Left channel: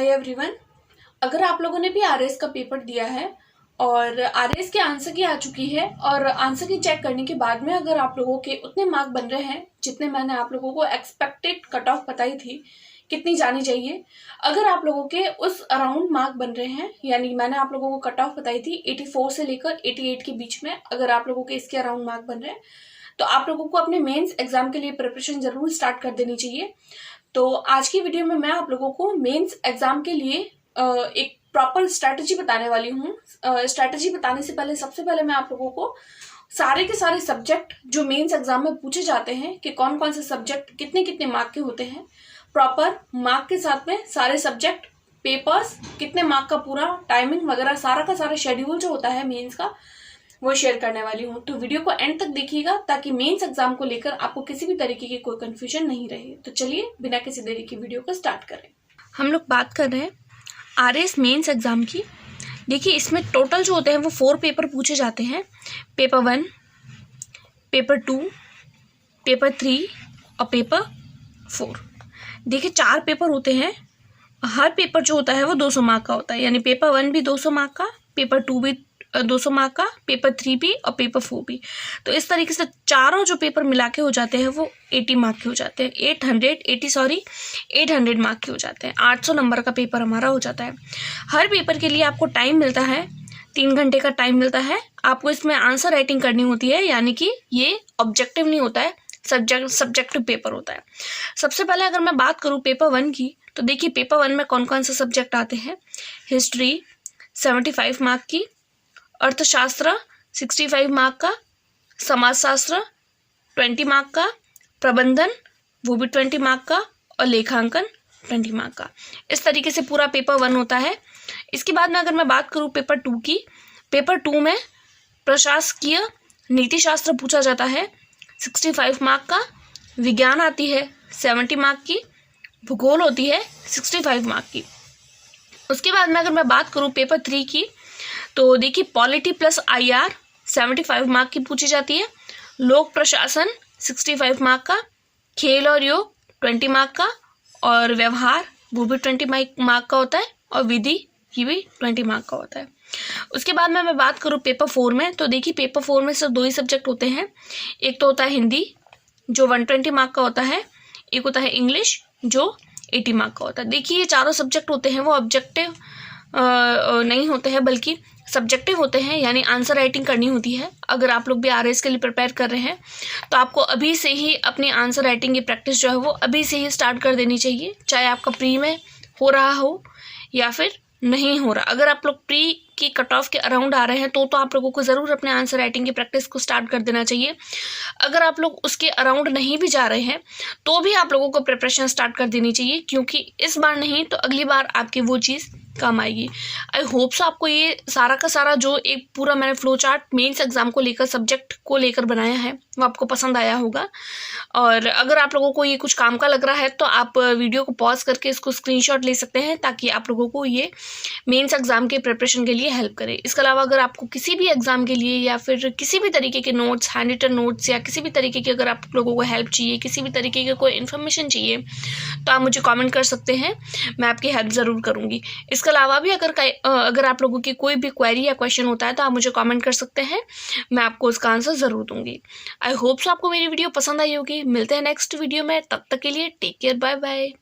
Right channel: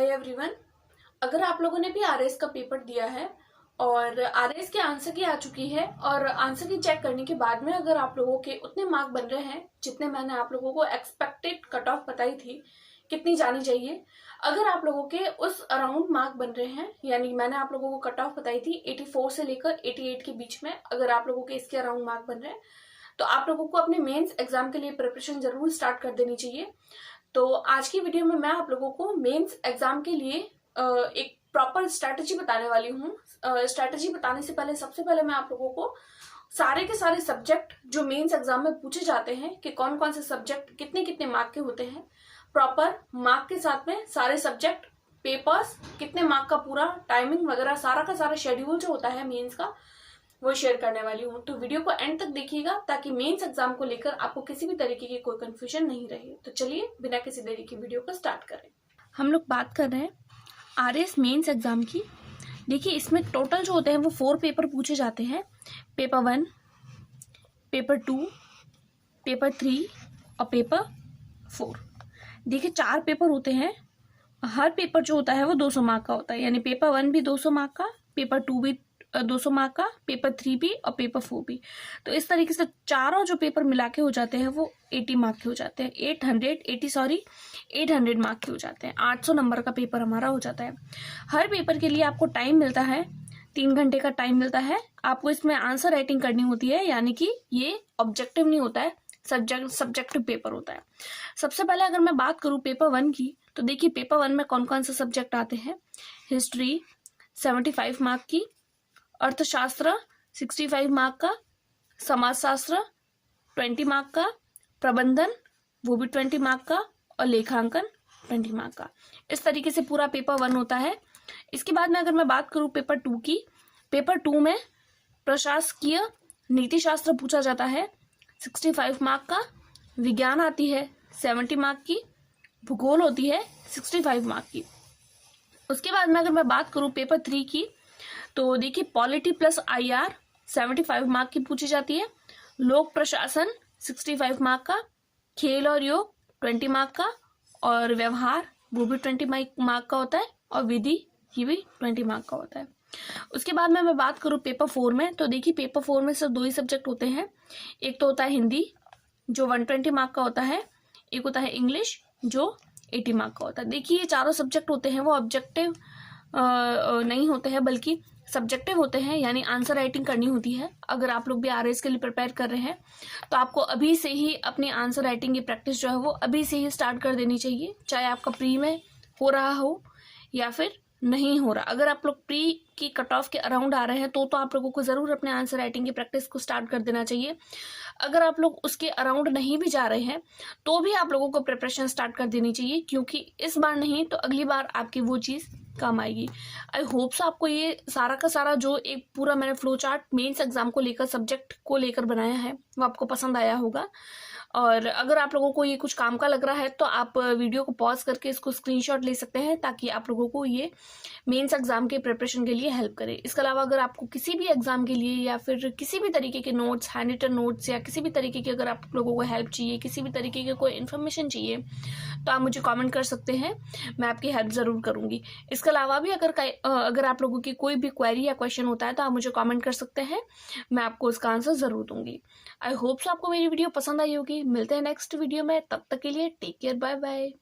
Hi everyone. अगर आप लोगों ने भी आरएस का पेपर दिया है और आरएस के आंसर की आ चुकी है और आंसर की चेक करने के बाद में अगर आप लोगों के उतने मार्क बन रहे हैं जितने मैंने आप लोगों को एक्सपेक्टेड कट ऑफ बताई थी कितनी जानी चाहिए, अगर आप लोगों के उस अराउंड मार्क बन रहे हैं, यानी मैंने आप लोगों को कट ऑफ बताई थी 84 से लेकर 88 के बीच में, अगर आप लोगों के इसके अराउंड मार्क बन रहे हैं तो आप लोगों को अपने मेंस एग्जाम के लिए प्रिपरेशन जरूर स्टार्ट कर देनी चाहिए। तो आज की वीडियो में मैं आप लोगों को मेंस एग्जाम के लिए एक प्रॉपर स्ट्रैटेजी बताने वाली हूँ। स्ट्रैटेजी बताने से पहले सबसे पहले मैं आप लोगों को सारे के सारे सब्जेक्ट जो मेंस एग्जाम में पूछे जाते हैं कि कौन कौन से सब्जेक्ट कितने कितने मार्क के होते हैं, प्रॉपर मार्क के साथ में सारे सब्जेक्ट, पेपर्स, कितने मार्क का पूरा टाइमिंग वगैरह सारा का सारा शेड्यूल जो होता है मेंस का वो शेयर करने वाली हूँ। तो वीडियो को एंड तक देखिएगा ताकि मेंस एग्जाम को लेकर आपको किसी भी तरीके की कोई कंफ्यूजन नहीं रहे। तो चलिए बिना किसी देरी की वीडियो को स्टार्ट करें। हम लोग बात कर रहे हैं आरएस मेंस एग्जाम की। देखिए इसमें टोटल जो होते हैं वो 4 पेपर पूछे जाते हैं। पेपर 1, पेपर 2, पेपर 3 और पेपर 4। देखिए 4 पेपर होते हैं। हर पेपर जो होता है वो 200 मार्क का होता है, यानी पेपर 1 भी 200 मार्क का, पेपर 2 भी 200 मार्क का, पेपर 3 भी और पेपर 4 भी। तो इस तरीके से चारों जो पेपर मिला के हो जाते हैं वो 80 मार्क के हो जाते हैं। 800 मार्क के हो जाते हैं। 800 नंबर का पेपर हमारा हो जाता है। हर पेपर के लिए आपको टाइम मिलता है, 3 घंटे का टाइम मिलता है। आपको इसमें आंसर राइटिंग करनी होती है, यानी कि ये ऑब्जेक्टिव नहीं होता है, सब्जेक्टिव पेपर होता है। सबसे पहले अगर मैं बात करूँ पेपर 1 की, तो देखिए पेपर 1 में कौन कौन से सब्जेक्ट आते हैं। हिस्ट्री 75 मार्क की, अर्थशास्त्र 65 मार्क का, समाजशास्त्र 20 मार्क का, प्रबंधन वो भी 20 मार्क का और लेखांकन 20 मार्क का। इस तरीके से पूरा पेपर 1 होता है। इसके बाद में अगर मैं बात करूँ पेपर 2 की, पेपर 2 में प्रशासकीय नीति शास्त्र पूछा जाता है 65 मार्क का, विज्ञान आती है 70 मार्क की, भूगोल होती है 65 मार्क की। उसके बाद में अगर मैं बात करूँ पेपर 3 की, तो देखिए पॉलिटी प्लस आईआर 75 मार्क की पूछी जाती है, लोक प्रशासन 65 मार्क का, खेल और योग 20 मार्क का और व्यवहार वो भी 20 मार्क का होता है और विधि ये भी 20 मार्क का होता है। उसके बाद में मैं बात करूँ पेपर 4 में, तो देखिए पेपर 4 में सिर्फ 2 ही सब्जेक्ट होते हैं। एक तो होता है हिंदी जो 120 मार्क का होता है, एक होता है इंग्लिश जो 80 मार्क का होता है। देखिए ये चारों सब्जेक्ट होते हैं वो ऑब्जेक्टिव नहीं होते हैं बल्कि सब्जेक्टिव होते हैं, यानी आंसर राइटिंग करनी होती है। अगर आप लोग भी आरएस के लिए प्रिपेयर कर रहे हैं तो आपको अभी से ही अपनी आंसर राइटिंग की प्रैक्टिस जो है वो अभी से ही स्टार्ट कर देनी चाहिए, चाहे आपका प्री में हो रहा हो या फिर नहीं हो रहा। अगर आप लोग प्री की कट ऑफ के अराउंड आ रहे हैं तो आप लोगों को ज़रूर अपने आंसर राइटिंग की प्रैक्टिस को स्टार्ट कर देना चाहिए। अगर आप लोग उसके अराउंड नहीं भी जा रहे हैं तो भी आप लोगों को प्रिपरेशन स्टार्ट कर देनी चाहिए, क्योंकि इस बार नहीं तो अगली बार आपकी वो चीज़ काम आएगी। आई होप सो आपको ये सारा का सारा जो एक पूरा मैंने फ्लो चार्ट मेंस एग्जाम को लेकर सब्जेक्ट को लेकर बनाया है वो आपको पसंद आया होगा। और अगर आप लोगों को ये कुछ काम का लग रहा है तो आप वीडियो को पॉज करके इसको स्क्रीनशॉट ले सकते हैं ताकि आप लोगों को ये मेंस एग्जाम के प्रिपरेशन के लिए हेल्प करे। इसके अलावा अगर आपको किसी भी एग्जाम के लिए या फिर किसी भी तरीके के नोट्स, हैंड रिटन नोट्स या किसी भी तरीके की अगर आप लोगों को हेल्प चाहिए, किसी भी तरीके की कोई इन्फॉर्मेशन चाहिए तो आप मुझे कॉमेंट कर सकते हैं, मैं आपकी हेल्प ज़रूर करूँगी। इसके अलावा भी अगर आप लोगों की कोई भी क्वेरी या क्वेश्चन होता है तो आप मुझे कमेंट कर सकते हैं, मैं आपको उसका आंसर ज़रूर दूंगी। आई होप सो आपको मेरी वीडियो पसंद आई होगी। मिलते हैं नेक्स्ट वीडियो में, तब तक के लिए टेक केयर, बाय बाय।